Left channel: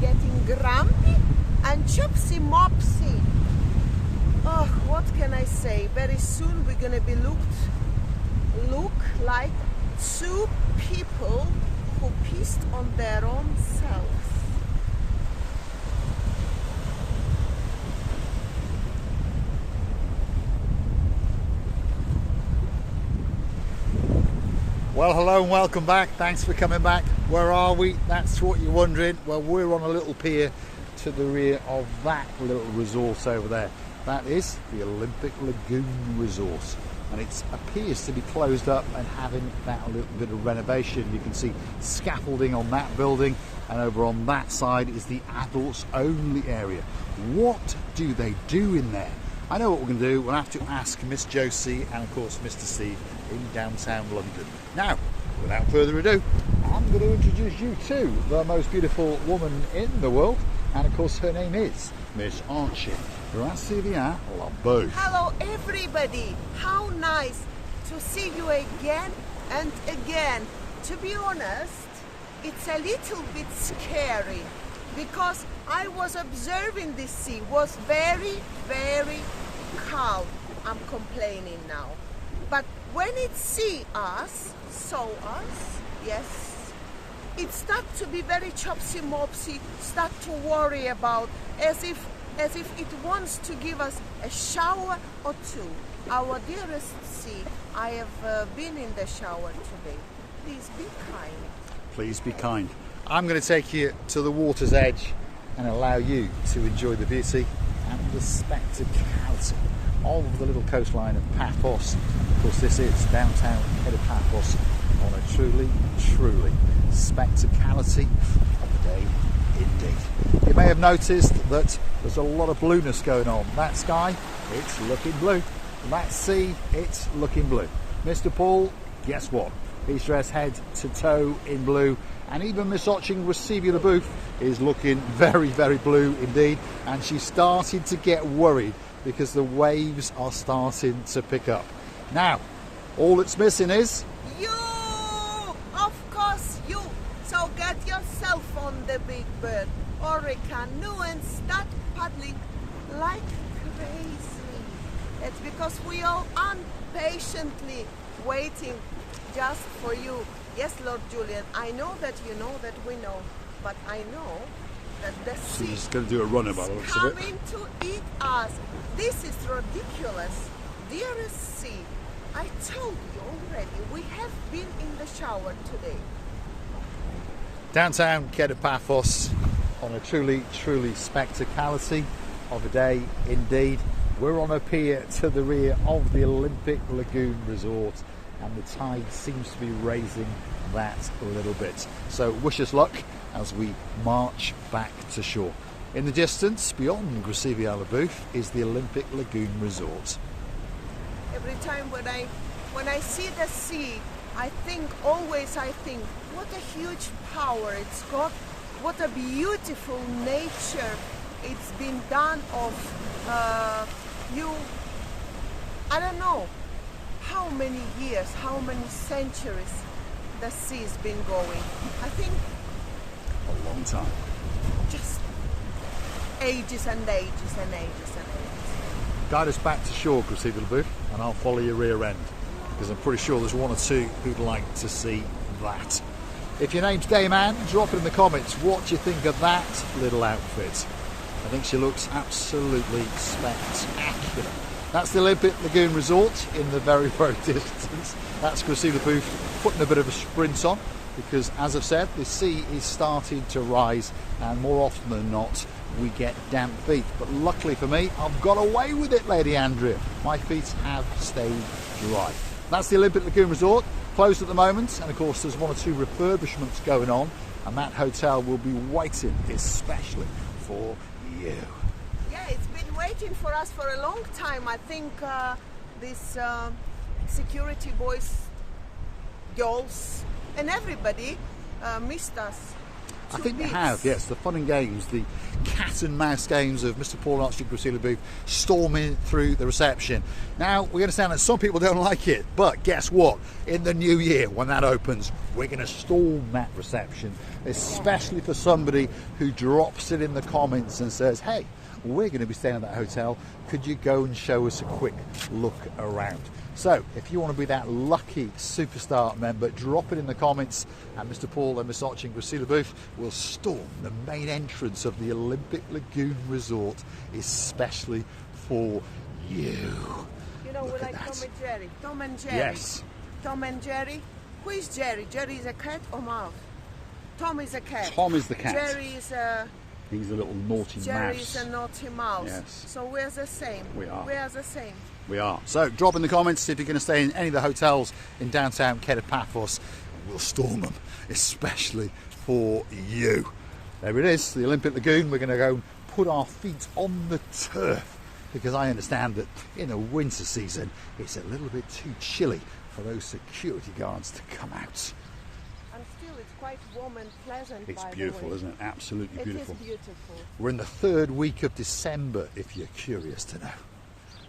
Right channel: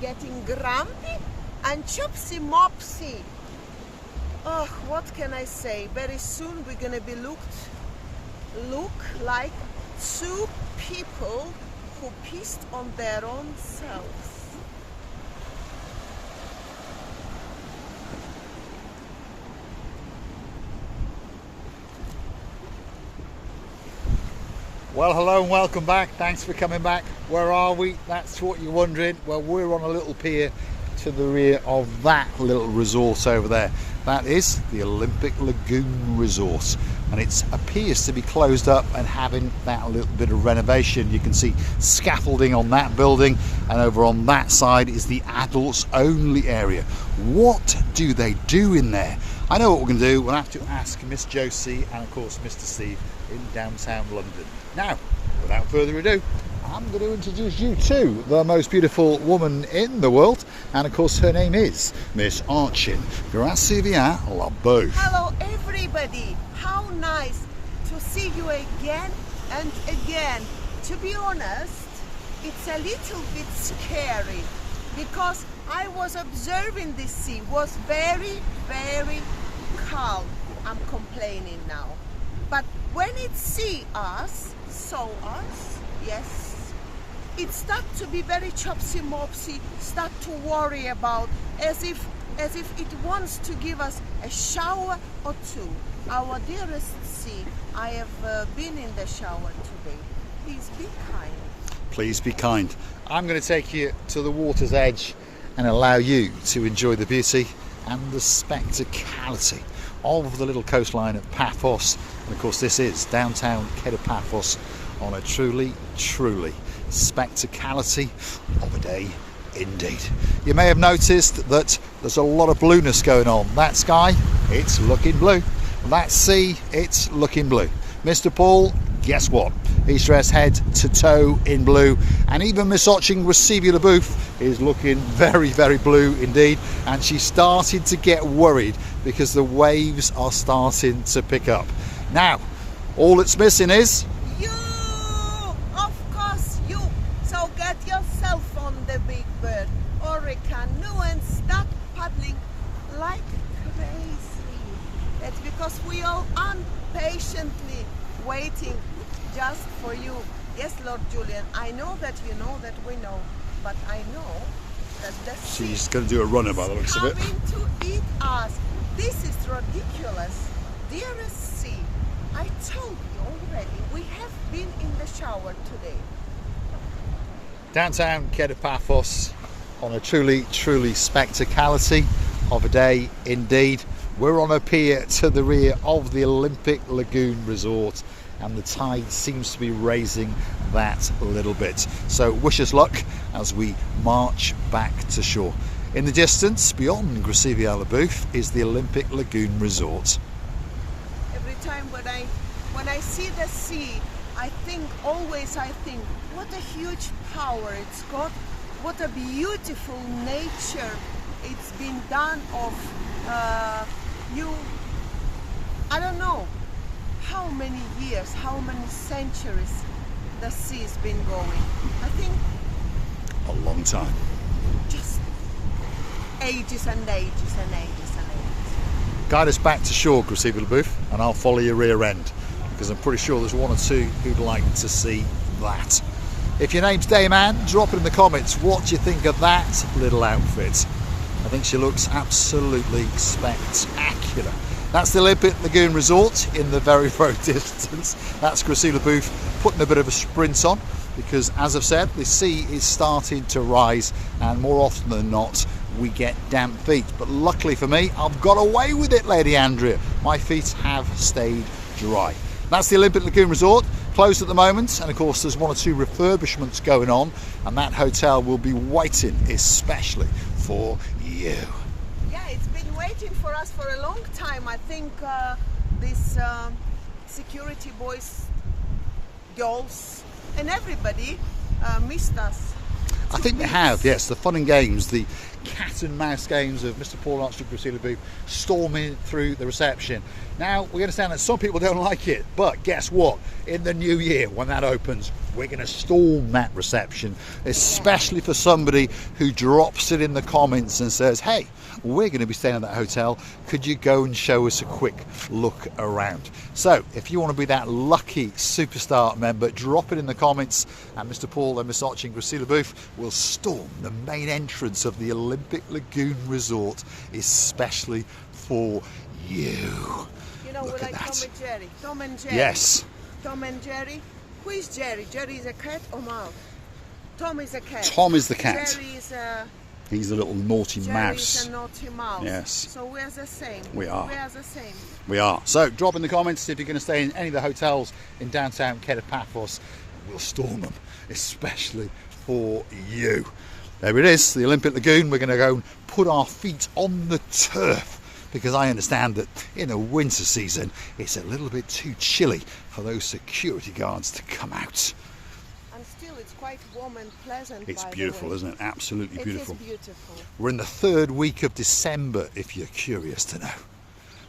getting grumpy and chopsy mopsy. Oh, what can I say? Very soon we're gonna be look like two people who pissed on their own selves. Well, hello and welcome back. Thanks for coming back. Where are we? That's what you're wondering. Well, we're on a little pier to the rear of that little resort over there. That is the Olympic Lagoon Resort, and it appears to be closed up and having that little bit of renovation. You can see scaffolding on that building, and over on that side is the adults only area. What do they do in there? I know what we're going to do. We'll have to ask Miss Josie and of course Mr. Steve in downtown London. Now, without further ado, I'm going to introduce you to the most beautiful woman in the world, and of course her name is Miss Archie. Grazie via la boat. Hello everybody, how nice to see you again and again. To be honest, it's a little bit scary because I was observing this sea, was very, very calm. I'm complaining now. But when it saw us, yes, it started to be very chopsy mopsy, start to worry about, as if it wants to give us a shower or two. Our dearest sea, I have been in the shower today. Please be kind. Please be kind. I'm going to take you to the water's edge and allow you to enjoy the beauty and the spectacality of the little coastline of Paphos. And of course this is downtown Paphos on a truly, truly spectacality of a day indeed. You may have noticed that there's a lot of blueness going on. That sky, it's looking blue. That sea, it's looking blue. Mr. Paul, guess what? He's dressed head to toe in blue, and even Miss Oching Grazie la boat is looking very, very blue indeed, and she's starting to get worried because the waves are starting to pick up. Now, all it's missing is you! Of course you! So get yourself on the big bird or a canoe and start paddling like crazy. That's because we all impatiently waiting just for you. Yes, Lord Julian, I know that you know that we know, but I know that the sea she's going to do a runner by the looks of it. Coming to eat us. This is ridiculous. Dearest sea, I told you already, we have been in the shower today. Downtown Paphos on a truly, truly spectacality of a day indeed. We're on a pier to the rear of the Olympic Lagoon Resort, and the tide seems to be raising that a little bit. So wish us luck as we march back to shore. In the distance, beyond Grazie via la boat, is the Olympic Lagoon Resort. Every time when I see the sea, I think, what a huge power it's got, what a beautiful nature it's been done of. I don't know how many years, how many centuries the sea's been going. I think A long time. just ages and ages and ages and ages. Guide us back to shore, Grazie via la boat, and I'll follow your rear end, because I'm pretty sure there's one or two who'd like to see that. If your name's Dayman, drop it in the comments. What do you think of that little outfit? I think she looks absolutely spectacular. That's the Olympic Lagoon Resort in the very, very distance. That's Grazie via la boat putting a bit of a sprint on, because as I've said, the sea is starting to rise, and more often than not we get damp feet. But luckily for me, I've got away with it, Lady Andrea. My feet have stayed dry. That's the Olympic Lagoon Resort, closed at the moment, and of course there's one or two refurbishments going on, and that hotel will be waiting especially for you. Yeah, it's been waiting for us for a long time. I think these security boys, girls, and everybody missed us. I think they have, yes. The fun and games, the cat and mouse games of Mr. Paul Archie Grazie la boat storming through the reception. Now, we understand that some people don't like it, but guess what? In the new year, when that opens, we're going to storm that reception, especially for somebody who drops it in the comments and says, hey, we're going to be staying at that hotel, could you go and show us a quick look around? So if you want to be that lucky superstar member, drop it in the comments, and Mr. Paul and Miss Archie and Gracila Booth will storm the main entrance of the Olympic Lagoon Resort, especially for you. You know, Look we at like that. Tom and Jerry. Tom and Jerry. Yes. Tom and Jerry. Who is Jerry? Jerry is a cat or mouse? Tom is a cat. Tom is the cat. Jerry is a... He's a little naughty Jerry mouse. is a naughty mouse. Yes. So we're the same. We are. We are the same. We are. So drop in the comments if you're going to stay in any of the hotels in downtown Paphos, and we'll storm them, especially for you. There it is, the Olympic Lagoon. We're going to go and put our feet on the turf, because I understand that in the winter season it's a little bit too chilly for those security guards to come out. And still it's quite warm and pleasant. It's by beautiful, the way. isn't it? Absolutely beautiful. It is beautiful. We're in the third week of December, if you're curious to know.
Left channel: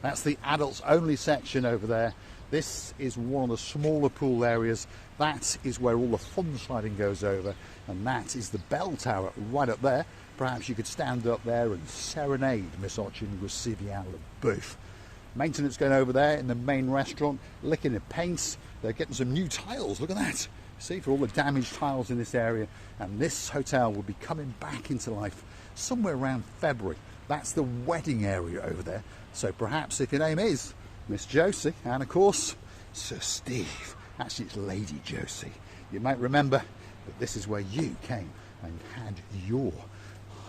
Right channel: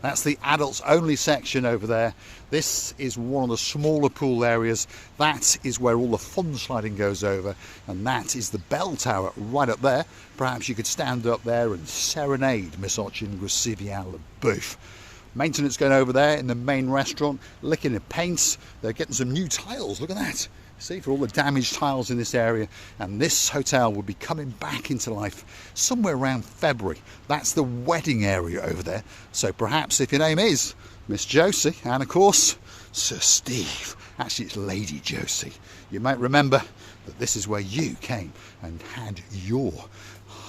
That's the adults only section over there. This is one of the smaller pool areas. That is where all the fun sliding goes over, and that is the bell tower right up there. Perhaps you could stand up there and serenade Miss Archie and Gracila Booth. Maintenance going over there in the main restaurant, licking the paints. They're getting some new tiles, look at that. See, for all the damaged tiles in this area. And this hotel will be coming back into life somewhere around February. That's the wedding area over there. So perhaps if your name is Miss Josie, and of course Sir Steve, actually it's Lady Josie, you might remember that this is where you came and had your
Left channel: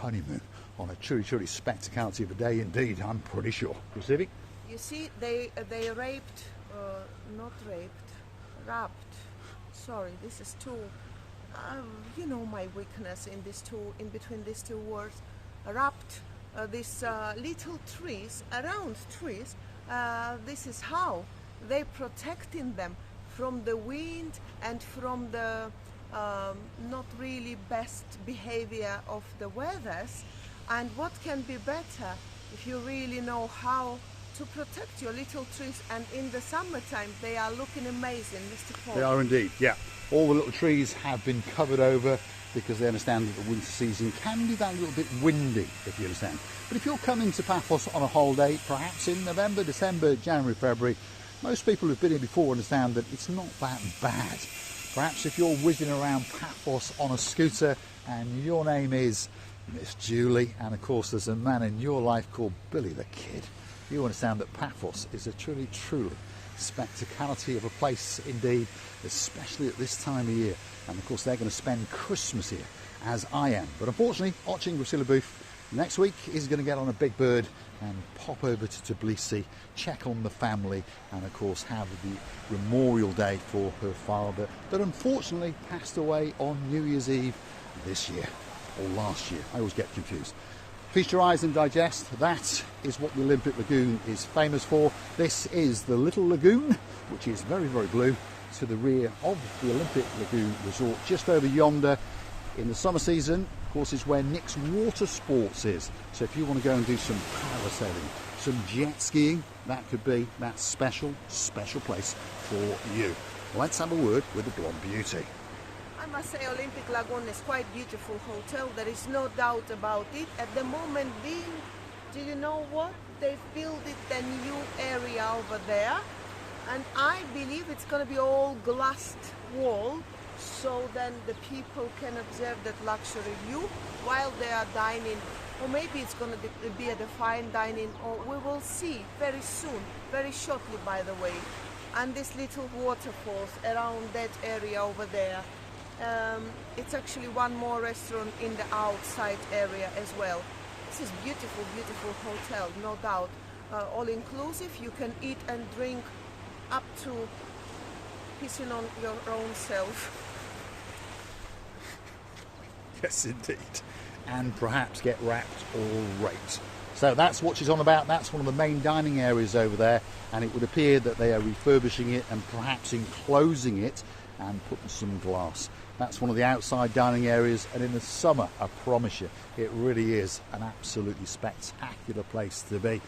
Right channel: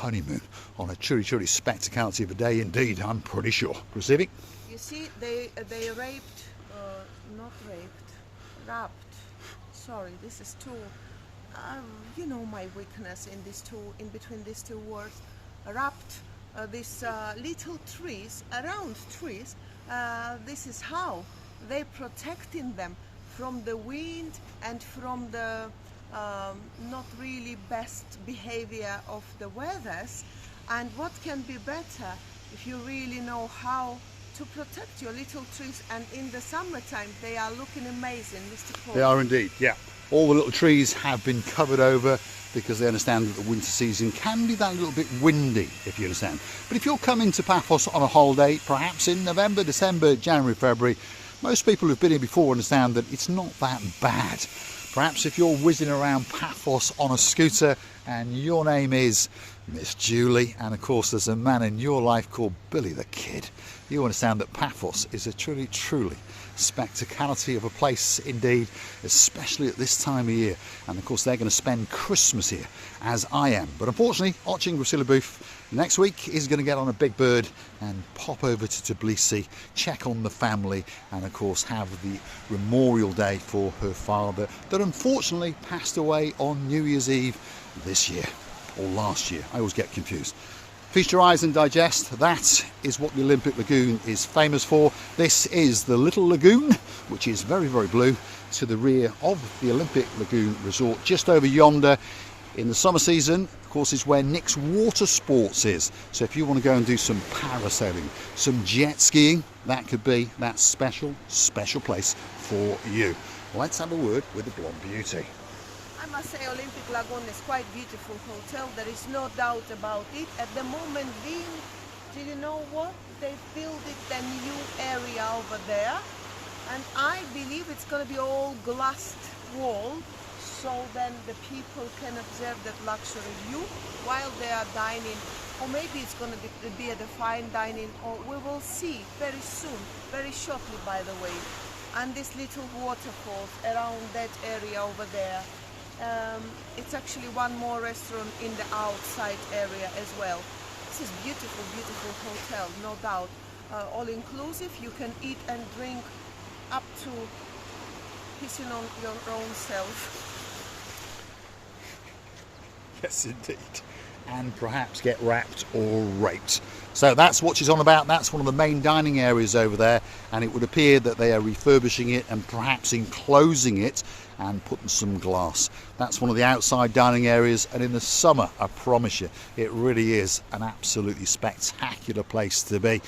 honeymoon on a truly spectacality of a day indeed, I'm pretty sure. Receiving? You see, they raped, not raped, wrapped. Sorry, this is too, you know, my weakness in between these two words. Wrapped these little trees, around trees. This is how they protecting them from the wind and from the not really best behavior of the weathers. And what can be better if you really know how to protect your little trees, and in the summertime they are looking amazing, Mr. Paul. They are indeed, yeah. All the little trees have been covered over because they understand that the winter season can be that little bit windy, if you understand. But if you're coming to Paphos on a holiday, perhaps in November, December, January, February, most people who've been here before understand that it's not that bad. Perhaps if you're whizzing around Paphos on a scooter and your name is Miss Julie, and of course there's a man in your life called Billy the Kid, you understand that Paphos is a truly spectacality of a place indeed, especially at this time of year. And of course they're going to spend Christmas here, as I am. But unfortunately, Archie and Gracila Booth next week is going to get on a big bird and pop over to Tbilisi, check on the family, and of course have the memorial day for her father that unfortunately passed away on New Year's Eve this year, or last year. I always get confused. Feast your eyes and digest. That is what the Olympic Lagoon is famous for. This is the little lagoon, which is very blue, to the rear of the Olympic Lagoon Resort, just over yonder. In the summer season, of course, is where Nick's Water Sports is. So if you want to go and do some parasailing, some jet skiing, that could be that special place for you. Let's have a word with the blonde beauty. I must say Olympic Lagoon is quite beautiful hotel, there is no doubt about it. At the moment being, do you know what? They've built it a new area over there, and I believe it's going to be all glassed wall, so then the people can observe that luxury view while they are dining, or maybe it's going to be at a fine dining, or we will see very soon, very shortly by the way. And these little waterfalls around that area over there. It's actually one more restaurant in the outside area as well. This is beautiful hotel, no doubt. All inclusive, you can eat and drink up to pissing on your own self. Yes, indeed. And perhaps get wrapped or raped. So that's what she's on about. That's one of the main dining areas over there, and it would appear that they are refurbishing it and perhaps enclosing it and putting some glass. That's one of the outside dining areas, and in the summer, I promise you, it really is an absolutely spectacular place to be.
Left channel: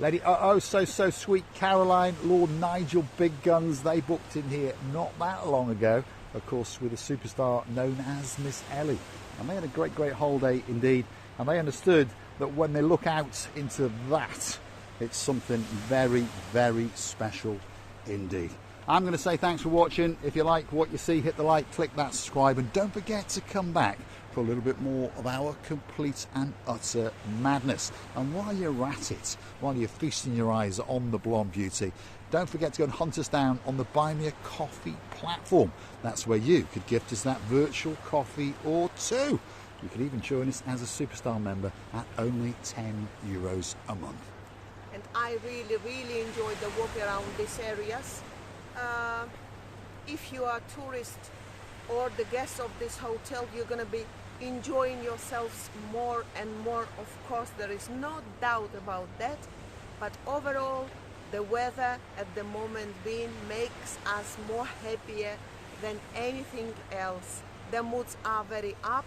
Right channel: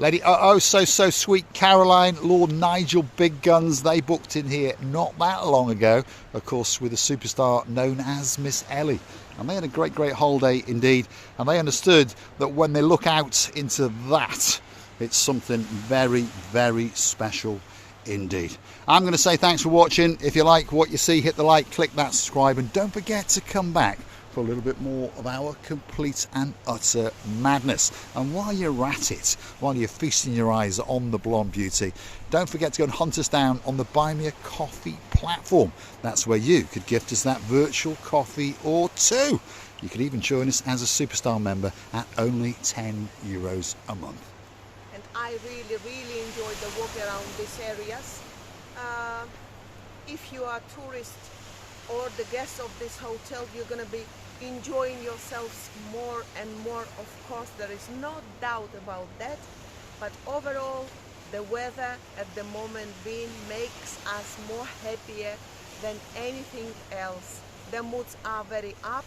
Lady oh so sweet Caroline, Lord Nigel Big Guns, they booked in here not that long ago, of course, with a superstar known as Miss Ellie. And they had a great holiday indeed, and they understood that when they look out into that, it's something very special indeed. I'm going to say thanks for watching. If you like what you see, hit the like, click that subscribe, and don't forget to come back for a little bit more of our complete and utter madness. And while you're at it, while you're feasting your eyes on the blonde beauty, don't forget to go and hunt us down on the Buy Me a Coffee platform. That's where you could gift us that virtual coffee or two. You could even join us as a superstar member at only €10 a month. And I really enjoyed the walk around these areas. If you are a tourist or the guests of this hotel, you're going to be enjoying yourselves more and more. Of course, there is no doubt about that. But overall, the weather at the moment makes us more happier than anything else. The moods are very up,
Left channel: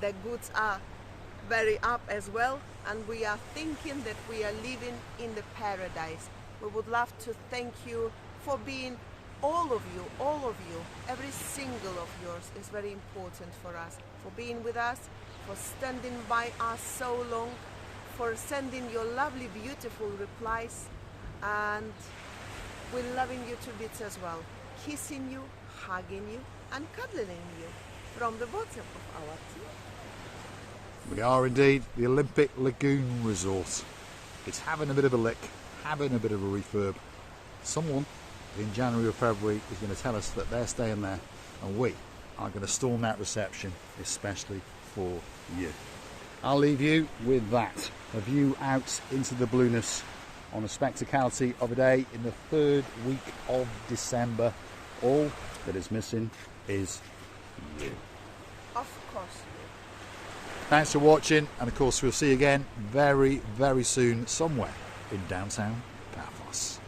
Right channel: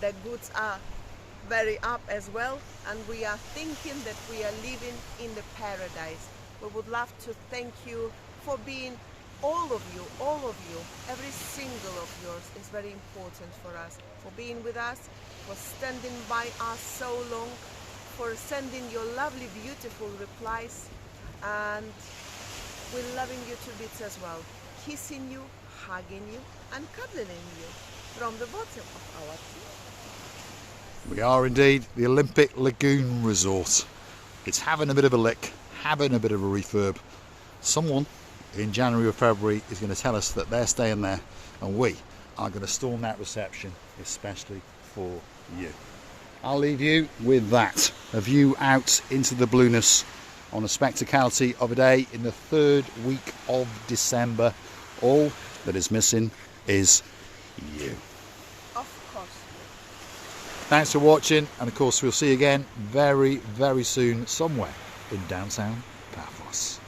the goods are very up as well, and we are thinking that we are living in the paradise. We would love to thank you for being all of you, every single of yours is very important for us, for being with us, for standing by us so long, for sending your lovely, beautiful replies, and we're loving you to bits as well, kissing you, hugging you, and cuddling you from the bottom of our team. We are indeed the Olympic Lagoon Resort. It's having a bit of a lick, having a bit of a refurb. Someone in January or February is going to tell us that they're staying there, and we are going to storm that reception especially for you. I'll leave you with that, a view out into the blueness on a spectacality of a day in the 3rd week of December. All that is missing is you. Of course. Thanks for watching, and of course we'll see you again very soon somewhere in downtown Paphos.